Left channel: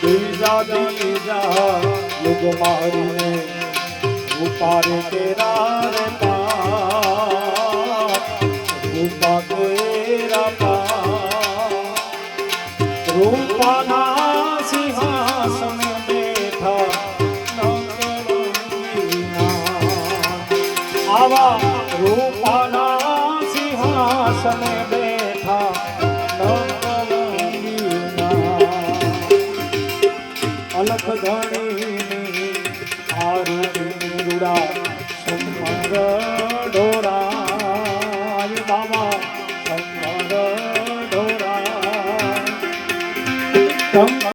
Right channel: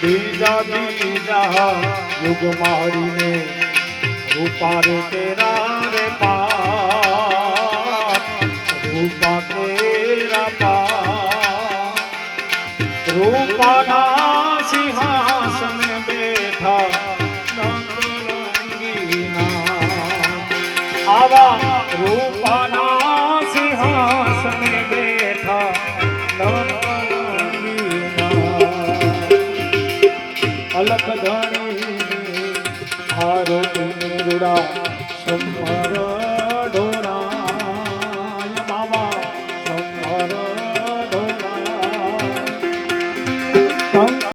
बीजा बीजा युग मारी रूपा रे तेरा रे पाप रूपा तेरा पाप रूपा ना सिंहासन बैठा नंगीना आवा रूपा ना सिंहासन बैठा अलख धणी आरोग्य रुड़ा समर डोरा बाबा